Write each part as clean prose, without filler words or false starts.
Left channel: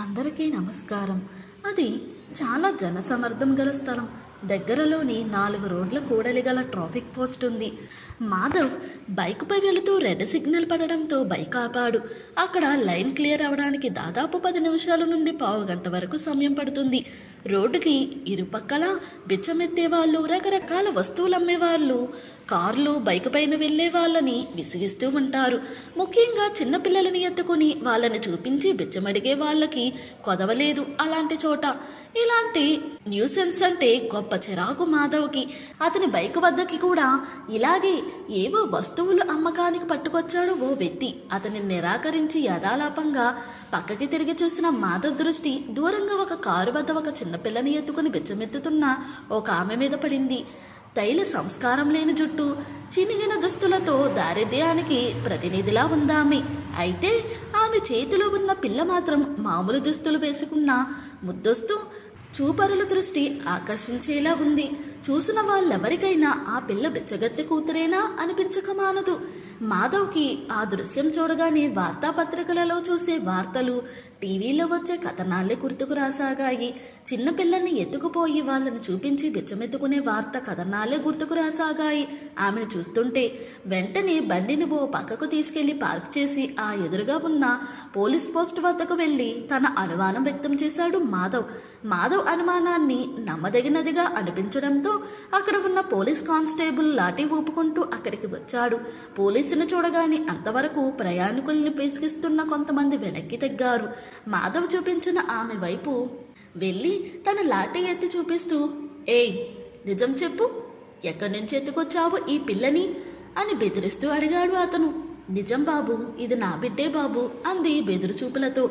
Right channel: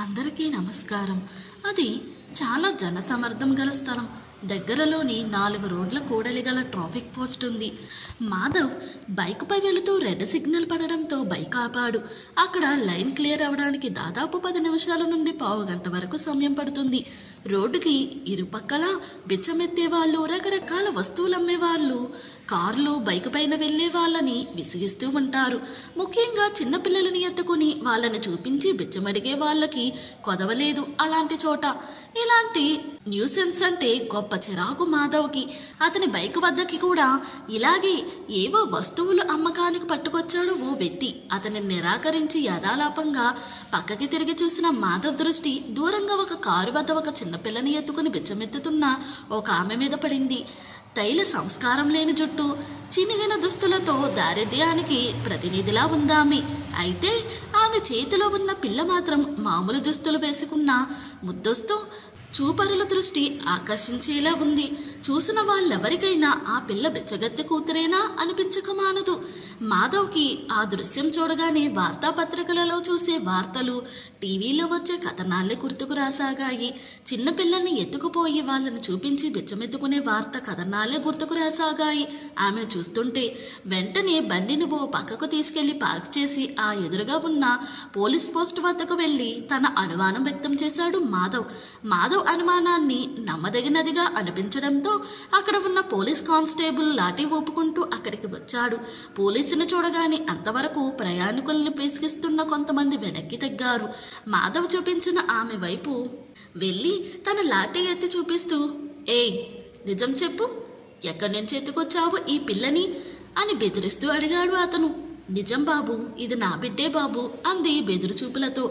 అందరికీ నమస్కారం. అది చాలా జనసమర్థం గల స్థలం. దగ్గరలోని 4 రోడ్ల కూడలి గల ట్రాఫిక్ పోస్ట్ ఉంది. మాధవ్ బైకుపై వెళుతూ రెడ్ సిగ్నల్ పడడంతో బైక్ ఆపాడు. అక్కడ లైన్ క్లియర్ అవ్వడానికి దాదాపు 10 నిమిషాల నుండి పావు గంట వరకు సమయం పడుతుంది. రోడ్డుకి ఇరుపక్కల బిచ్చమెత్తే వాళ్ళు, రకరకాల వస్తువులు అమ్మేవాళ్ళు, కార్లు, బైక్ పైన వెళ్ళే వాళ్ళని విసిగిస్తూ ఉంటారు. ముఖ్యంగా చిన్నపిల్లలని ఎత్తుకుని వాళ్ళని చూపించి బిచ్చమడిగే వాళ్ళకి కొదవలేదు అలాంటి చోట. ఇలాంటి న్యూసెన్స్ అంటే గొప్ప చిరాకు మాధవ్కి. అతని బైక్ వద్దకి కూడా ఇలాగే ఏవో వస్తువులు అమ్మకానికి పట్టుకొచ్చాడు ఓ వ్యక్తి. అతని నిరాకరించి యథాలాపంగా పక్కకి తిరిగి చూసిన మాధవ్ దృష్టి దూరంగా ఒక కారు వద్ద ఒక చిన్నపిల్లని ఎత్తుకుని బిచ్చమెత్తుతున్న ఒక ఆమె మీద పడింది. తైల సంస్కారం లేని జుట్టు, చినిగిన దుస్తులతో దారిద్ర్యానికి ప్రతినిధిలా ఉందామె. అయితే ఆమె చేతిలో ఉన్న పిల్ల మాత్రం మామూలు దుస్తులు వేసుకున్న ముద్దొస్తూ చూపరుల దృష్టి ఆకర్షించేలా ఉంది. చూసిన వాళ్ళెవరికైనా ఆ పిల్ల బిచ్చగత్తె కూతురేనా అనిపించక మానదు. మాధవ్కి ఆ దృశ్యం చూడగానే వార్తాపత్రికలలో చూసే వార్తలు, టీవీలో వచ్చే కథనాలే గుర్తుకు రాసాగాయి. చిన్నపిల్లల్ని ఎత్తుకుపోయి వాళ్ళని చూపించి బిచ్చమెత్తుకునే వార్త కథనాలే గుర్తుకు రాసాగాయి ఆమెను చూస్తుంటే. వెంటనే బండిని ఓ పక్కకు తీసుకెళ్లి పార్క్ చేసి ఆ ఎదురుగా ఉన్న పోలీస్ పోస్ట్ వద్దకు వెళ్ళి తన అనుమానం వ్యక్తం చేశాడు మాధవ్. మాధవ్ అనుమానాన్ని నమ్మదగినదిగా అనిపించడంతో అక్కడ ఉన్న పోలీస్ కానిస్టేబుల్ లాఠీ ఊపుకుంటూ అక్కడికి వచ్చాడు. పోలీసును చూడగానే అంతవరకు ప్రయాణికుల్ని పేసికిస్తున్న కొంతమంది వెనక్కి తగ్గారు. మాధవ్ చూపించిన ఆమె వైపు వెళ్ళి తన లాఠీ ఎత్తి చూపిస్తూ, ఏయ్ నిజం చెప్పు, ఎక్కడి నుంచి ఎత్తుకొచ్చావు ఈ పిల్లని అని బెదిరిస్తూ అడిగాడు అతను. నిజం బాబు, ఇది నా బిడ్డే బాబు అంది బెదురుచూపులతో.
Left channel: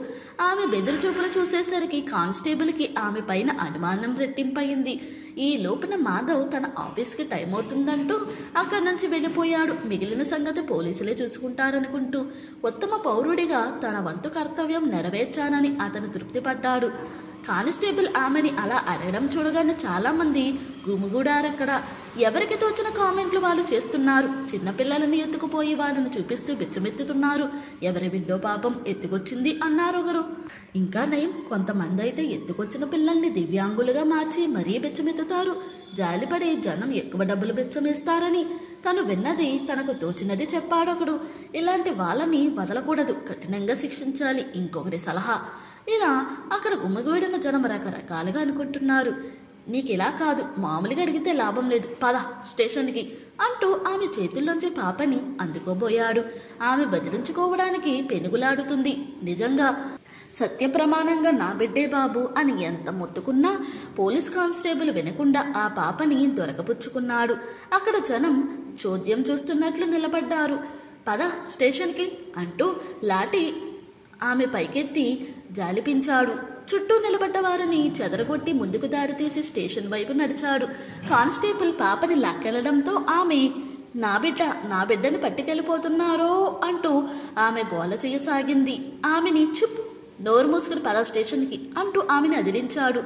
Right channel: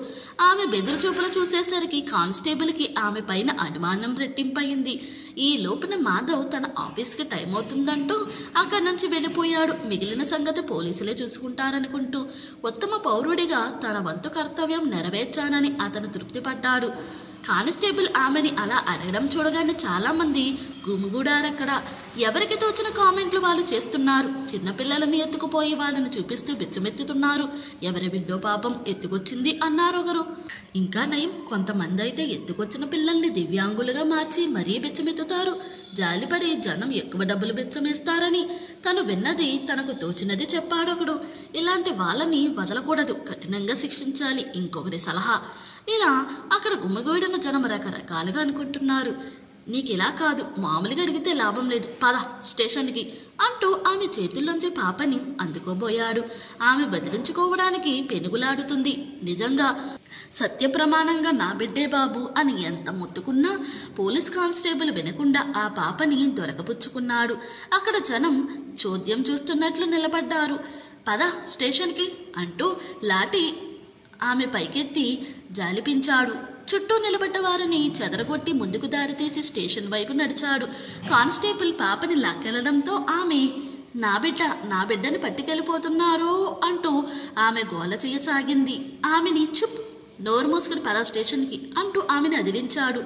ఆమె బెదురుచూపులు చూసేసరికి కానిస్టేబుల్కి ఆమె పైన అనుమానం రెట్టింపయింది. ఈ లోపున మాధవ్ తన ఆఫీస్కి టైం అవుతుందంటూ అక్కడి నుంచి వెళ్ళిపోయాడు. మిగిలిన సంగతి పోలీసులే చూసుకుంటారనుకుంటూ ఉత్తమ పౌరుడిగా తన వంతు కర్తవ్యం నెరవేర్చానని అతను తృప్తిపడ్డాడు. కానిస్టేబుల్ ఆమెని అలా అడగడం చూడగానే చాలామంది గుమిగూడారక్కడ. ఎవరికి తోచిన కామెంట్లు వాళ్ళు చేస్తున్నారు. చిన్నపిల్లలని ఎత్తుకుపోయి వాళ్ళని చూపిస్తూ బిచ్చమెత్తుతున్నారు. ఎవరి బిడ్డో పాపం ఎత్తుకొచ్చింది అన్నారొకరు. ఇంకా నయం, కొంతమంది అయితే ఎత్తుకొచ్చిన పిల్లల్ని దివ్యాంగులుగా మార్చి మరీ బిచ్చమెత్తుతారు. జాలిపడి జనం ఎక్కువ డబ్బులు బిచ్చమేస్తారని తను విన్నది తనకు తోచినది చెప్పాడొకడు. ఇలాంటి వాళ్ళని వదలకూడదు, కఠినంగా శిక్షించాలి ఇంకొకటి సలహా. ఇలా అక్కడ గుమిగూడిన జనం రకరకాలుగా అనుకుంటున్నారు. నీకిలా కాదు, మామూలుగా అడిగితే లాభం లేదు, పద స్టేషన్కి అంటూ ఆమె చేతుల్లోంచి పాపని అందుకోబోయాడు. ఆమె వదిలించుకోవడానికి పెనుగులాడుతుంది. నిజంగా సత్యప్రమాణంగా నా బిడ్డే బాబు అని ఎంత మొత్తుకున్నా పోలీస్ కానిస్టేబుల్ వినకుండా ఆ పాపని దొరకపుచ్చుకున్నాడు. అక్కడ జనం చోద్యం చూస్తున్నట్లు నిలబడ్డారు. పద స్టేషన్కి అంటూ లాఠీ ఆమె పైకెత్తి జాలిపించాడు. చుట్టూ నిలబడ్డ వారిని చెదరగొట్టి ముందుకు దారితీసి స్టేషన్ వైపు నడిచాడు. కానిస్టేబుల్ పాపని లాక్కెళ్లడంతో ఆమె నా బిడ్డని పట్టుకెళ్ళిపోతున్నారో అంటూ ఆమె గోల చేయసాగింది. ఆమెని చుప్, నోరు మూసుకుని పద స్టేషన్కి అంటూ ఆమెను అదిలించాడు.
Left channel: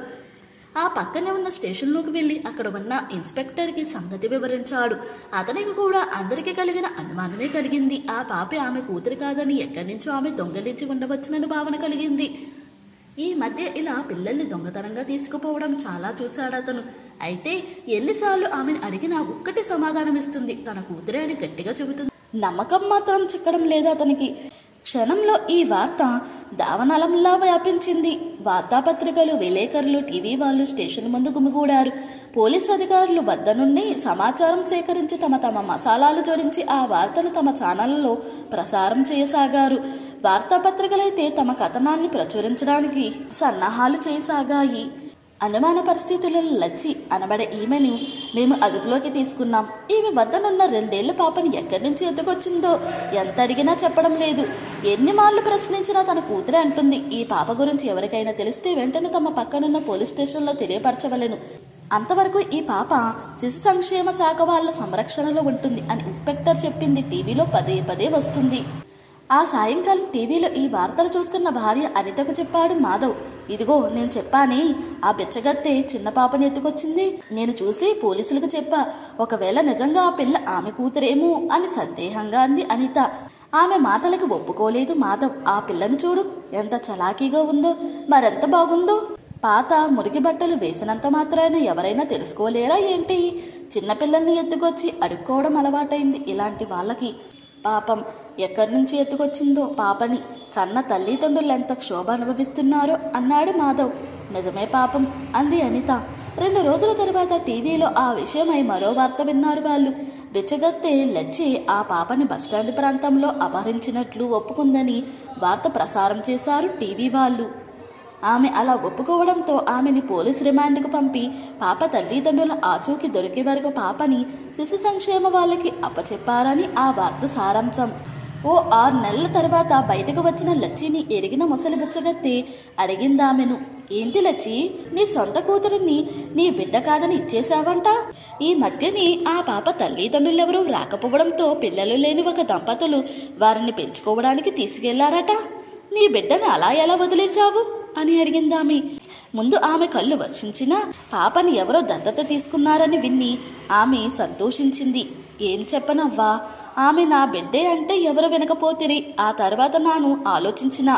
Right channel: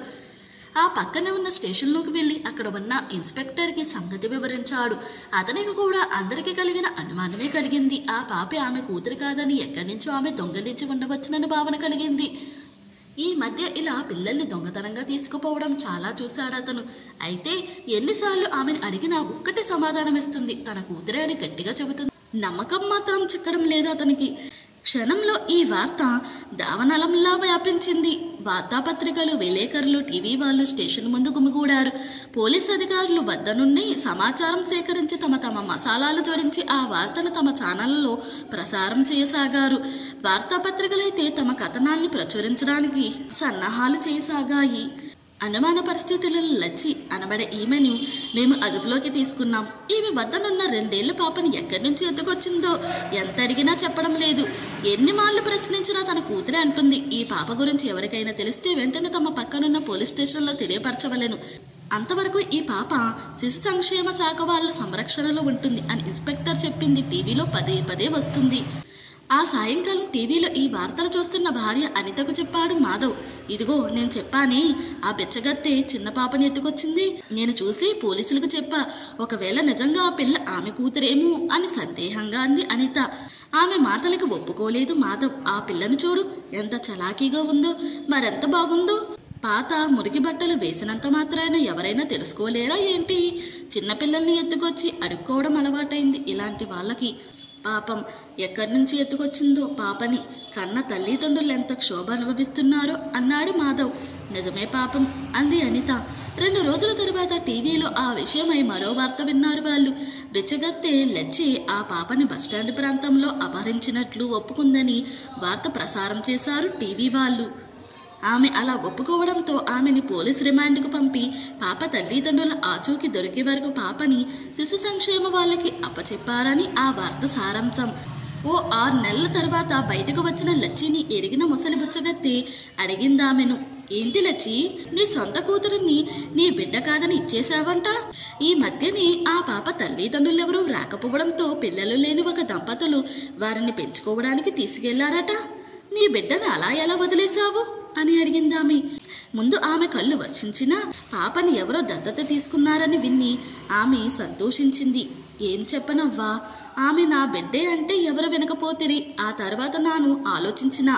ఆ పక్కనే ఉన్న స్టేషన్లోకి వెళ్ళి అక్కడ ఉన్న ఇన్స్పెక్టర్కి సంగతి వివరించాడు. అతనికి కూడా అందరికీ కలిగిన అనుమానమే కలిగింది. ఆ పాప ఆమె కూతురు కాదని, ఎక్కడి నుంచో ఆమె దొంగలించి ఉండవచ్చునని భావన కలిగింది. ఈ మధ్య ఇలా పిల్లల్ని దొంగతనంగా తీసుకుపోవడం చాలా చూశాడు అతను. అయితే ఎన్నిసార్లు ఆమెను అడిగినా ఒక్కటే సమాధానం ఇస్తుంది, తన కూతురే అని గట్టిగా చెబుతుంది. నమ్మకం మాత్రం చిక్కడం లేదు అతనికి. క్షణంలో ఈ వార్త దావనలంలా వ్యాపించింది. వార్తాపత్రికలు, విలేకరులు, టీవీ వాళ్ళు స్టేషన్ ముందు గుమిగూడారు. పోలీస్ అధికారులు వద్ద నుండి సమాచారం సేకరించి తమ మసాలాలు జోడించి ఆ వార్తను తమ ఛానళ్లలో ప్రసారం చేయసాగారు. వార్తాపత్రికలైతే తమ కథనాన్ని ప్రచురించడానికి సన్నాహాలు చేయసాగాయి. అనుమాన పరిస్థితులలో లచ్చి అనబడే ఈమెను మేము అదుపులోకి తీసుకున్నాం. ఈమె వద్దనున్న 2 ఏళ్ల పాపని ఎక్కడి నుంచి ఎత్తుకొచ్చిందో ఎంత అడిగినా చెప్పడం లేదు. ఎన్ని మార్లు ప్రశ్నించినా తన కూతురే అంటుంది. ఈ పాప గురించి ఎవరికైనా తెలిస్తే వెంటనే తమ పక్కనున్న పోలీస్ స్టేషన్లో తెలియపరచవలెను. అంతవరకు ఈ పాప శిశు సంక్షేమ శాఖ వాళ్ళ సంరక్షణలో ఉంటుంది అని ఇన్స్పెక్టర్ చెప్పింది టీవీలో పదే పదే వస్తుంది. ఆ సాయంకాలం టీవీలో ఈ వార్తలు చూస్తున్న భార్య అనితకు చెప్పాడు మాధవ్. ఇదిగో నేను చెప్పానే, ఆ బిచ్చగత్తె చిన్న పాపని ఎత్తుకొచ్చింది. నేను చూసి పోలీసులకు చెప్పా. ఒకవేళ నిజంగా ఆ పిల్ల ఆమె కూతురేమో అని సందేహంగా అంది అనిత. ఆమె మాటలకు ఒప్పుకోలేదు మాధవ్. ఆ పిల్లను చూడు, ఎంత చలాకీగా ఉందో, మరెంత బాగుందో. పాత మురికి బట్టలు వేసినంత మాత్రాన ఎవరైనా తెలుసుకోలేరా ఏంటి? చిన్నపిల్లల్ని ఎత్తుకొచ్చి అడుక్కోవడం అలవాటైంది ఇలాంటి వాళ్ళకి. పాపం ఎక్కడి నుంచి ఎత్తుకొచ్చిందో పాపని. కన్న తల్లిదండ్రులు ఎంత క్షోభ అనుభవిస్తున్నారో అన్నాడు మాధవ్. నిజమే పాపం అంది అనిత. 2 రోజుల తర్వాత టీవీలో ఆ విషయమై మరో వార్త విన్నారు వాళ్ళు. బిచ్చగత్తె లచ్చి ఆ పాపని బస్టాండ్ ప్రాంతంలో అపహరించినట్లు ఒప్పుకుందని వార్త ప్రసారం చేశారు టీవీ వాళ్ళు. ఆమె అలా ఒప్పుకోవడంతో ఆమెని పోలీస్ రిమాండ్కు పంపి పాప తల్లిదండ్రుల ఆచూకీ దొరికే వరకు పాపని శిశు సంక్షేమ వాళ్ళకి అప్పచెప్పారని ఆ వార్త సారాంశం. ఓ 6 నెలల తర్వాత బయటకు వచ్చిన లచ్చిని ఎరిగిన ముసలి బుచ్చగత్తి అడిగిందామెను, ఏంటి లచ్చి, నీ సొంత కూతురిని నీ బిడ్డ కాదని ఇచ్చేశావంట? ఈ మధ్యని ఆ పాప తల్లిదండ్రులెవరూ రాకపోవడంతో పిల్లలు లేని ఒక దంపతులు వారిని పెంచుకోవడానికి తీసుకెళ్లారట. నీ బిడ్డను అలా ఎలా వదిలేశావు అని అడిగిందామె. ముందు ఆమె కళ్ళు వర్షించిన పాపని ఎవరో దత్తత తీసుకున్నారని విని ఆమె సంతోషించింది. ఏం చెప్పనవ్వా, ఆమె నా బిడ్డే అంటే ఎవరు వినకపోతిరి. ఆ తర్వాత నాను ఆలోచించిన,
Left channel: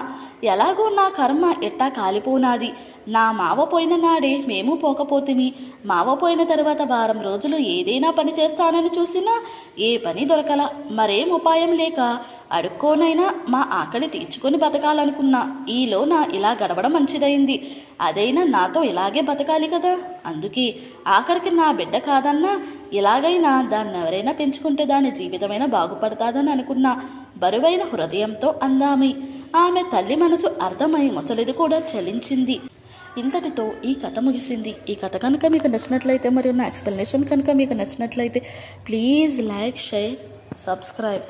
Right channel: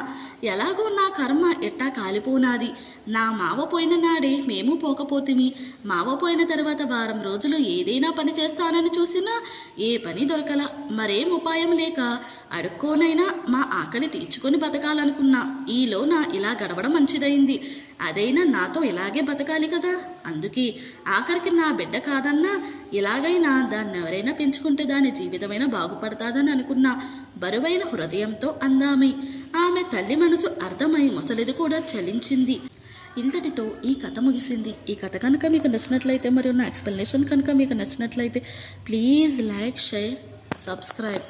ఎలాగో నా కర్మ ఎట్టా కాలిపోనాది. నా మావ పోయిన నాడే మేము పోకపోతిమి. మావ పోయిన తర్వాత వారం రోజులు ఏదైనా పని చేస్తానని చూసినా ఏ పని దొరకల. మరేం ఉపాయం లేక అడుక్కోనైనా మా ఆకలి తీర్చుకొని బతకాలనుకున్నా. ఈలో నా ఇలా గడవడం మంచిదైంది. అదైనా నాతో ఇలాగే బతకాలి కదా. అందుకే ఆఖరికి నా బిడ్డ కాదన్నా ఇలాగైనా దాన్ని ఎవరైనా పెంచుకుంటే దాని జీవితమైనా బాగుపడతాదని అనుకున్నా. బరువైన హృదయంతో అందామె. ఆమె తల్లి మనసు అర్థమై ముసలిది కూడా చలించింది. ఇంతటితో ఈ కథ ముగిసింది. ఈ కథ కనుక మీకు నచ్చినట్లయితే మరియు నా ఎక్స్ప్లెనేషన్ కనుక మీకు నచ్చినట్లయితే ప్లీజ్ లైక్, షేర్, సబ్స్క్రైబ్.